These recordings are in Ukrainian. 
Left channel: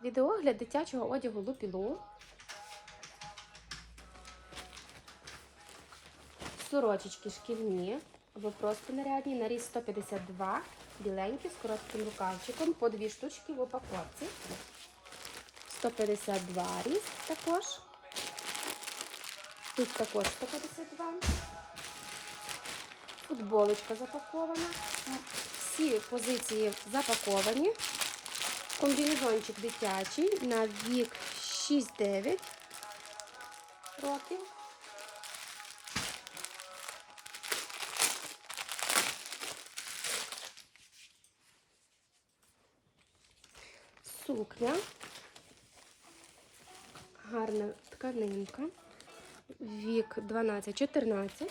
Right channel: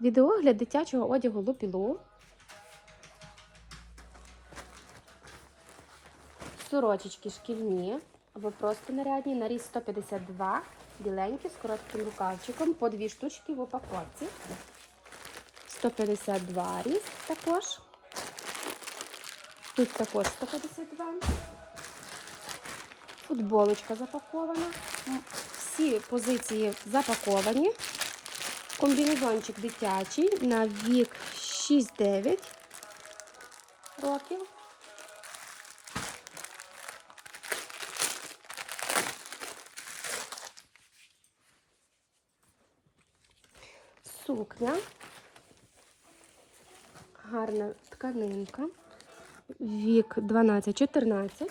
Відеогляд дитячого одягу Лупілу. Сорочечки шкільні або просто нарядні. Наріз 152, біленькі з коротким рукавчиком. По дві штучки в упаковці. 152 різ також. Тут також 152. Футболочка запакована. Всі позиції запаковані. Комбінезончик дитячий на вік 6-9 років. Сукня. Гарна тканинка. Вік 12-14.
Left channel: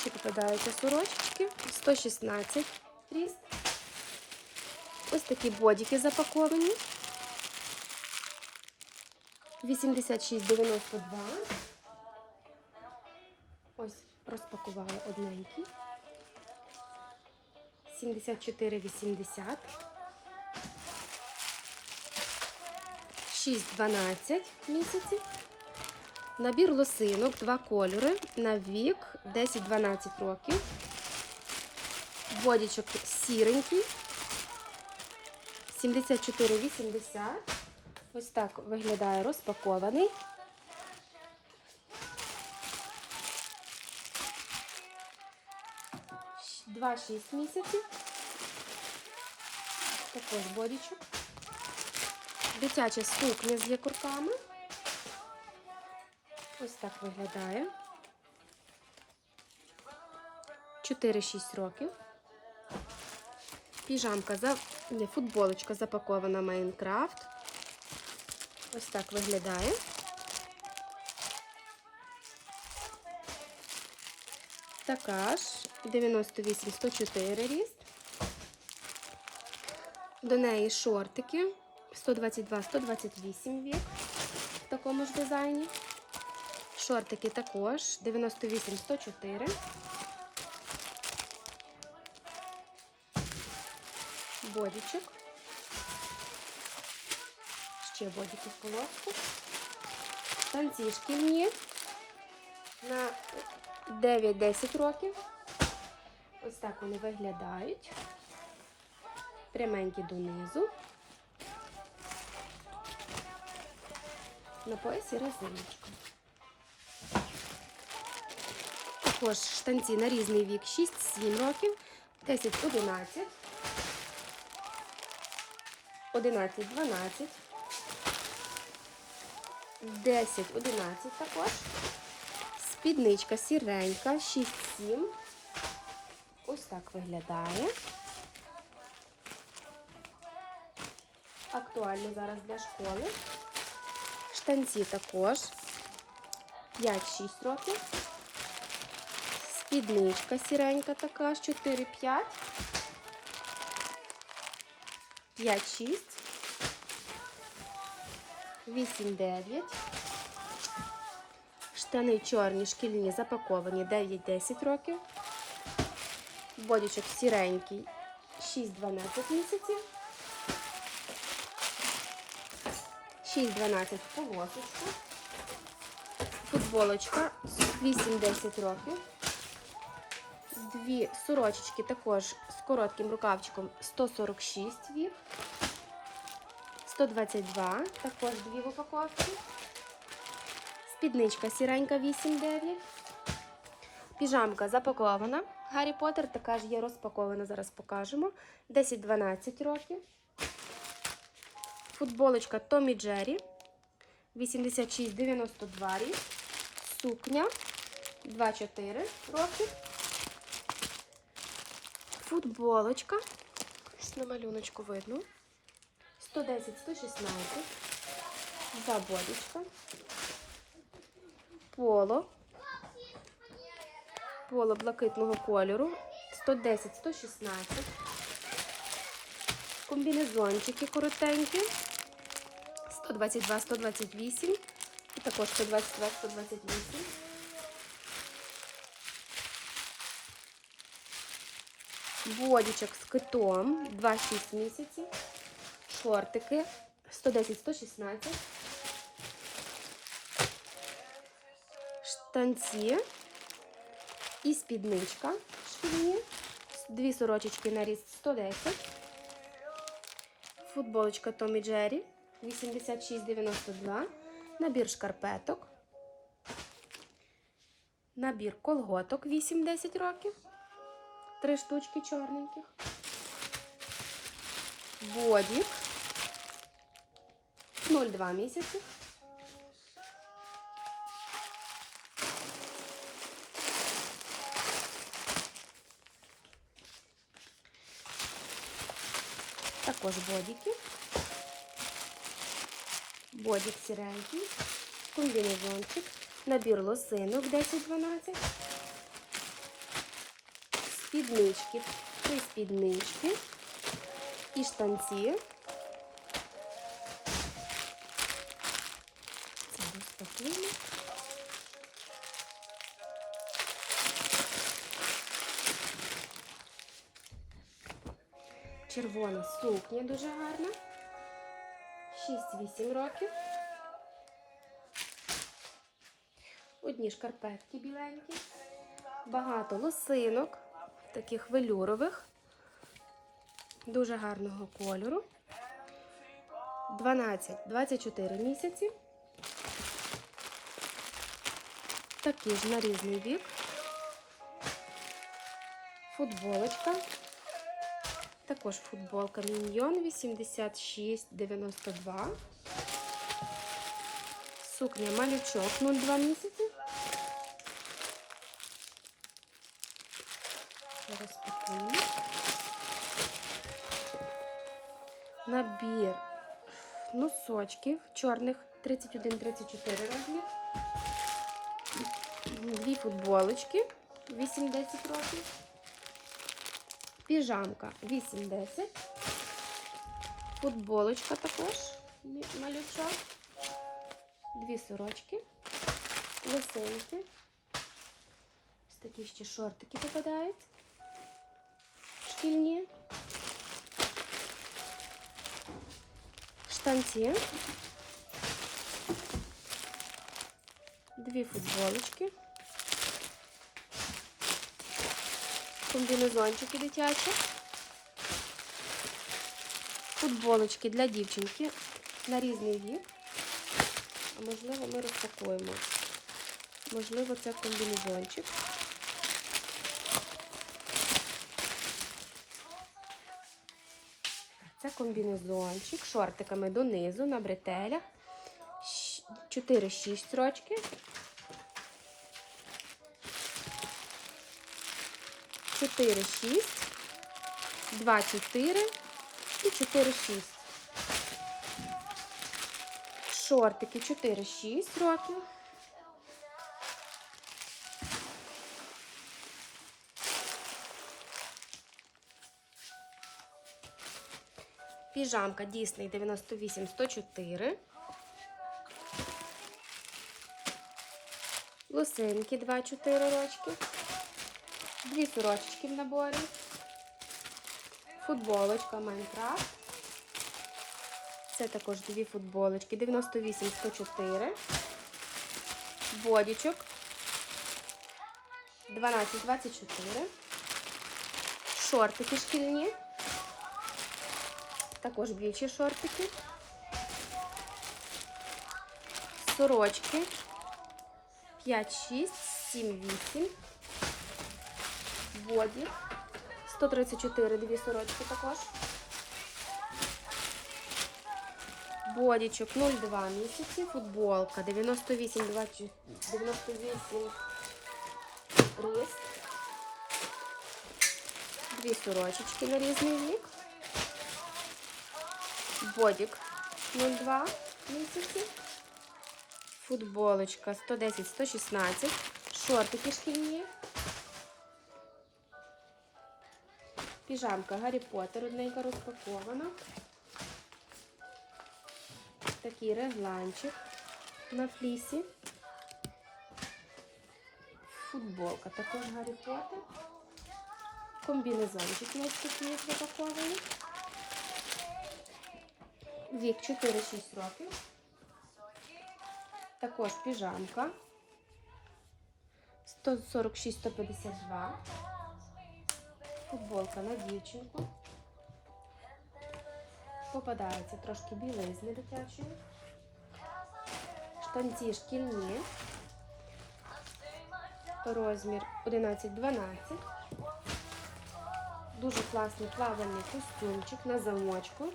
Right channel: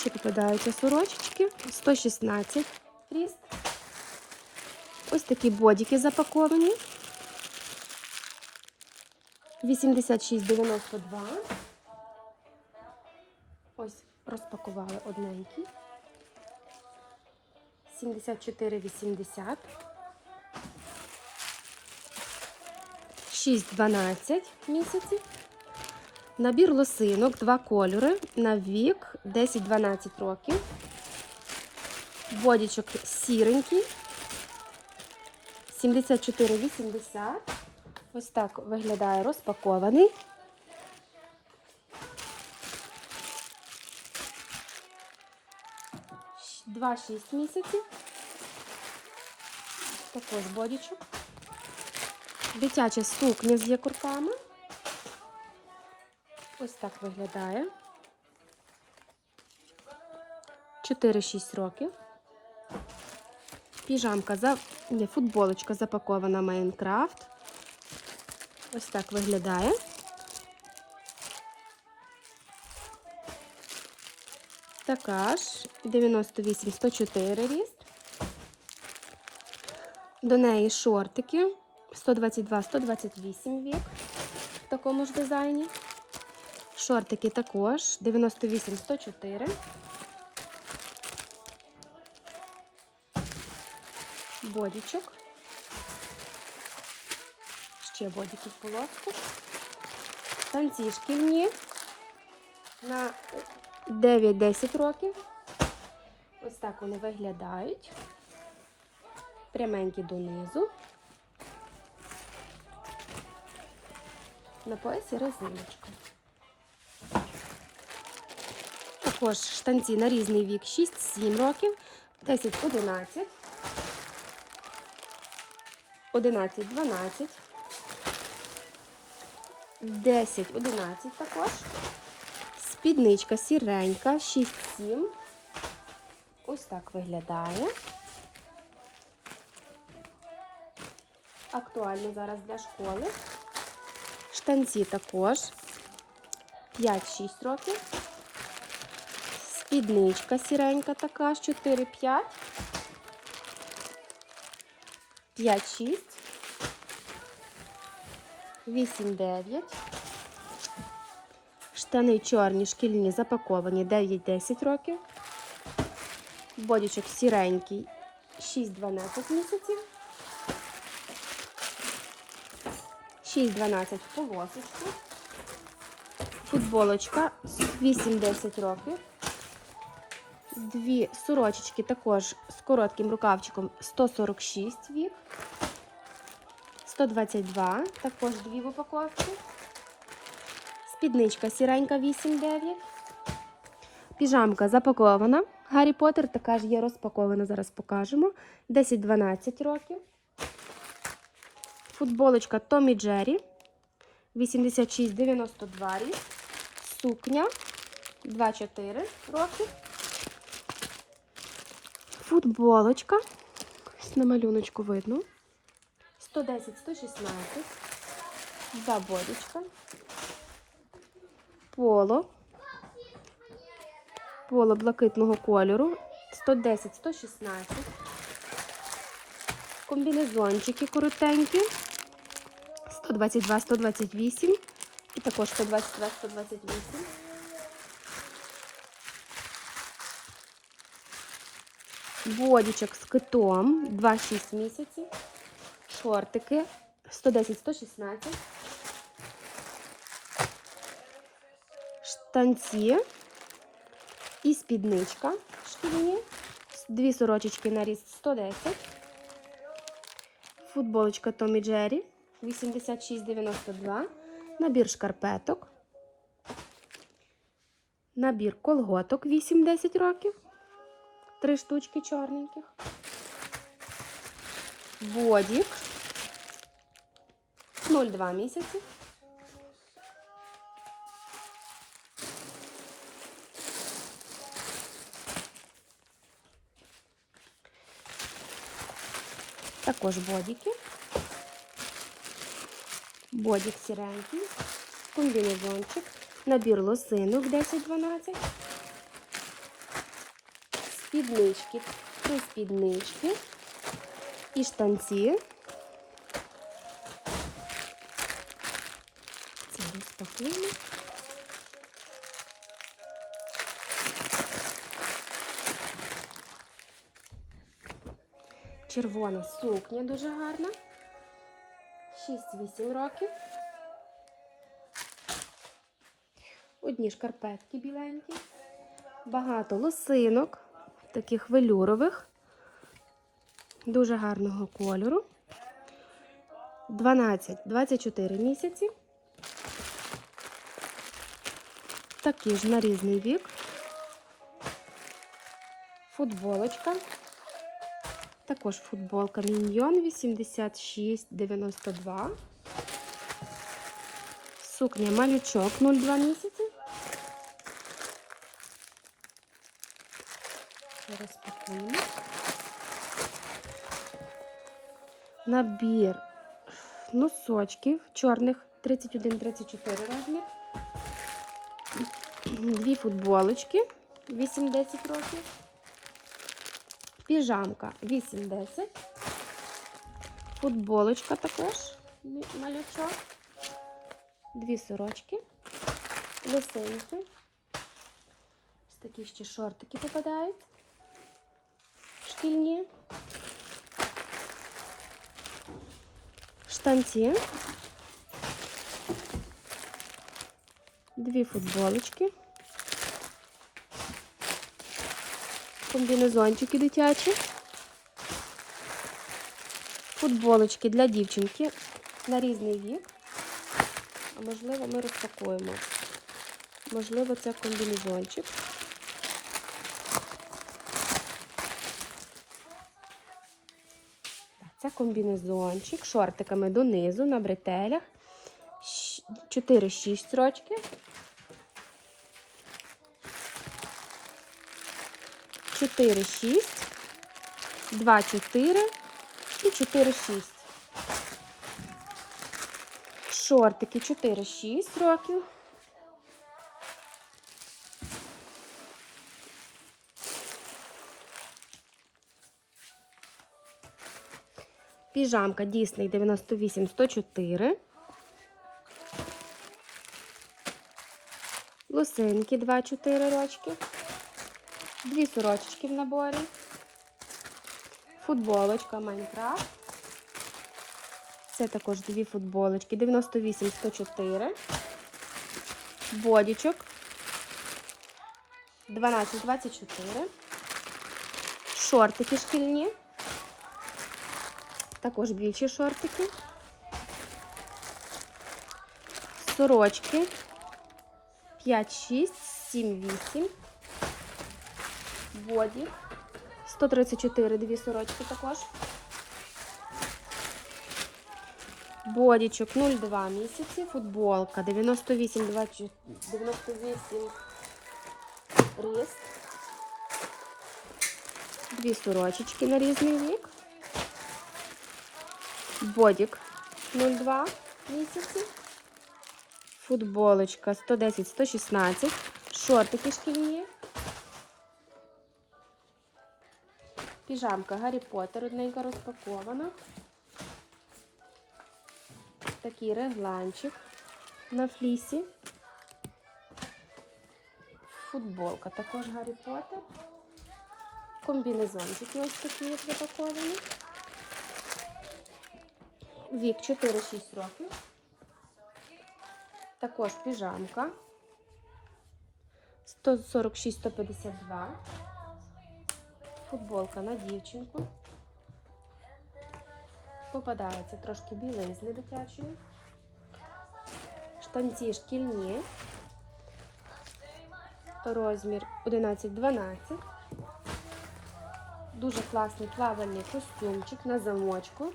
Ще попадаються сорочечки. 116 ріст. Ось такі бодики запаковані. 86,92. Ось розпакували одненький. 74,80. 6-12 місяців. Набір лосинок, два кольори на вік 10-12 років. Бодічок сіренький. 74,80. Ось так виглядає розпакований. Два-шість місяців. Також бодічок. Дитяча сукня з якорками. Ось так виглядає. 4-6 років. Піжамка за не, футболочка запакована Майнкрафт. Ось так виглядає. Така ж 98-104 ріст. До неї шортики 122-128 вік в такому ж дизайні. Шортики також 98-104. Бодічок. Ще бодики в полоску. Танці шкільні на 9-10 років. Ось так вони виглядають. Пряменькі донизу. На поясі резиночка. Також штанці на різний вік 6-7 років, 10-11. 11, 12, 10, 11 також. Спідничка сіренька, 6, 7. Ось так виглядає. Актуально зараз для школи. Штанці також 5-6 років. Спідничка сіренька така, 4-5. 5-6, 8-9. Штани чорні, шкільні, запаковані 9-10 років. Бодічок сіренький 6-12 місяців. 6-12 полосочки. Футболочка 8-10 років. Дві сорочечки також з коротким рукавчиком 146 вік. 122, також дві в упаковці. Спідничка сіренька 8-9. Піжамка запакована. Гаррі Поттер така ж є розпакована, зараз покажемо. 10-12 років. Футболочка Томі Джері. 86-92 рік. Сукня 2-4 роки. Футболочка. Ось на малюночку видно. 110-116. Забодочка. Поло. Поло блакитного кольору. 110-116. Комбінезончики коротенькі. 122-128. І також 122-128. Бодічок з китом 2-6 місяців. Шортики 110-116. Штанці і спідничка шкільні. Дві сорочечки на ріст 110. Футболочка Томі Джері 86,92. Набір шкарпеток. Набір колготок 8-10 років. Три штучки чорненьких. Боді 0,2 місяці. Також бодіки. Бодік сіренький, комбінезончик, набір лосинок 10-12, спіднички, три спіднички і штанці. Це розпакуємо. Червона сукня дуже гарна. 6-8 років. Одні шкарпетки біленькі. Багато лосинок, таких велюрових, дуже гарного кольору. 12-24 місяці. Такі ж на різний вік. Футболочка. Також футболка Міньйон 86,92. Сукня малючок 0,2 місяці. Розпакуємо. Набір носочків чорних 31-34 розмір. Дві футболочки 8-10 років. Піжамка 8-10. Футболочка також малючок. Дві сорочки. Лосинки. Ось такі ще шортики попадають. Шкільні. Штанці. Дві футболочки. комбінезончики дитячі. Футболочки для дівчинки на різний вік. Можливо, ми розпакуємо. Можливо, це комбінезончик. Це комбінезончик, шортиками донизу на бретелях. 4-6 строчки. 4, 6, 2, 4 і 4, 6. Шортики 4, 6 років. Піжамка Дісней 98 104. Лосинки 2-4 рочки. Дві сорочечки в наборі. Футболочка Майнкрафт. Це також дві футболочки. 98 104. Бодічок. 12 24. Шортики шкільні. Також більші шортики. Сорочки. 5, 6, 7, 8. Боді. 134 дві сорочки також. Бодічок 0,2 місяці. Футболка 98, 20, 98 рис. Дві сорочечки на різний вік. Бодік 0,2 місяці. Футболочка 110-116. Шортики шкільні. Піжамка Гаррі Поттер, одненька розпакована. Такий регланчик на флісі. Футболка також Гаррі Поттер. Комбінезончики ось такі як запаковані. Вік 4-6 років. Також піжамка. 146-152. Футболка на дівчинку. Попадається трошки білизни дитячої. Штанці шкільні. Розмір 11-12. Дуже класний плавальний костюмчик на замочку.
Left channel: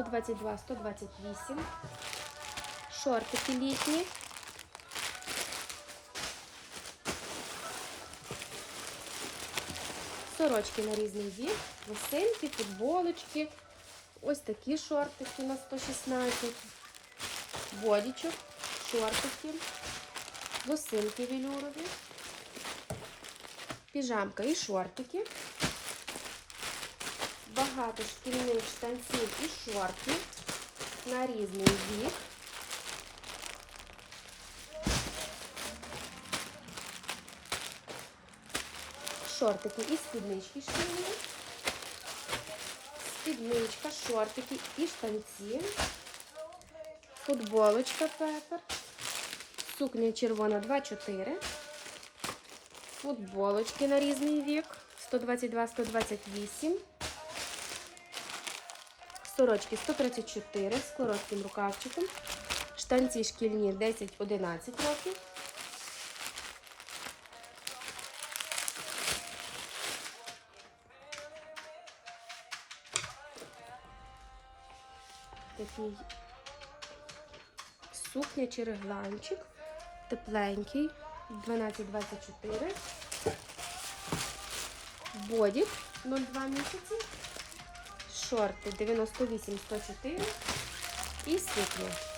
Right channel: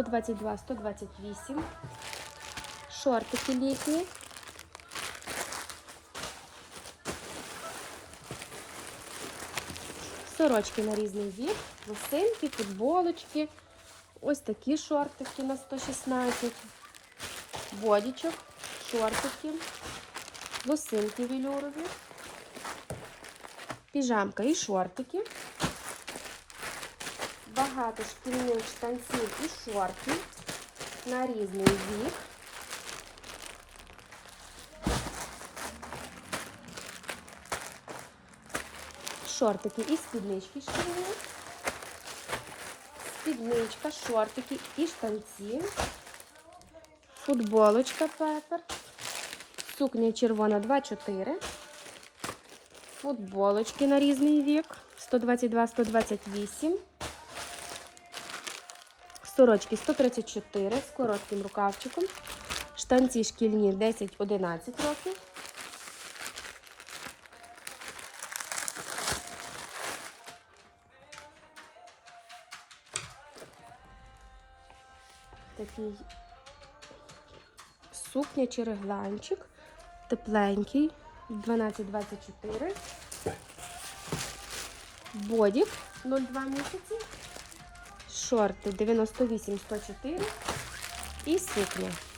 Сто двадцять два, сто двадцять вісім. Шортики літні. Сорочки на різний вік, лосинки, футболочки. Ось такі шортики на 116. Бодічок, шортики, лосинки велюрові, піжамка і шортики. Багато шкільних штанців і шортів на різний вік. Шортики і спіднички шкільні. Спідничка, шортики і штанці. Футболочка пепер. Сукня червона 2,4. Футболочки на різний вік. 122-128. Сорочки 134 з коротким рукавчиком. Штанці шкільні 10-11 років. Такий сукня чи регланчик. Тепленький. 12-24. Бодік 0,2 місяці. Шорти 98-104. І сукня.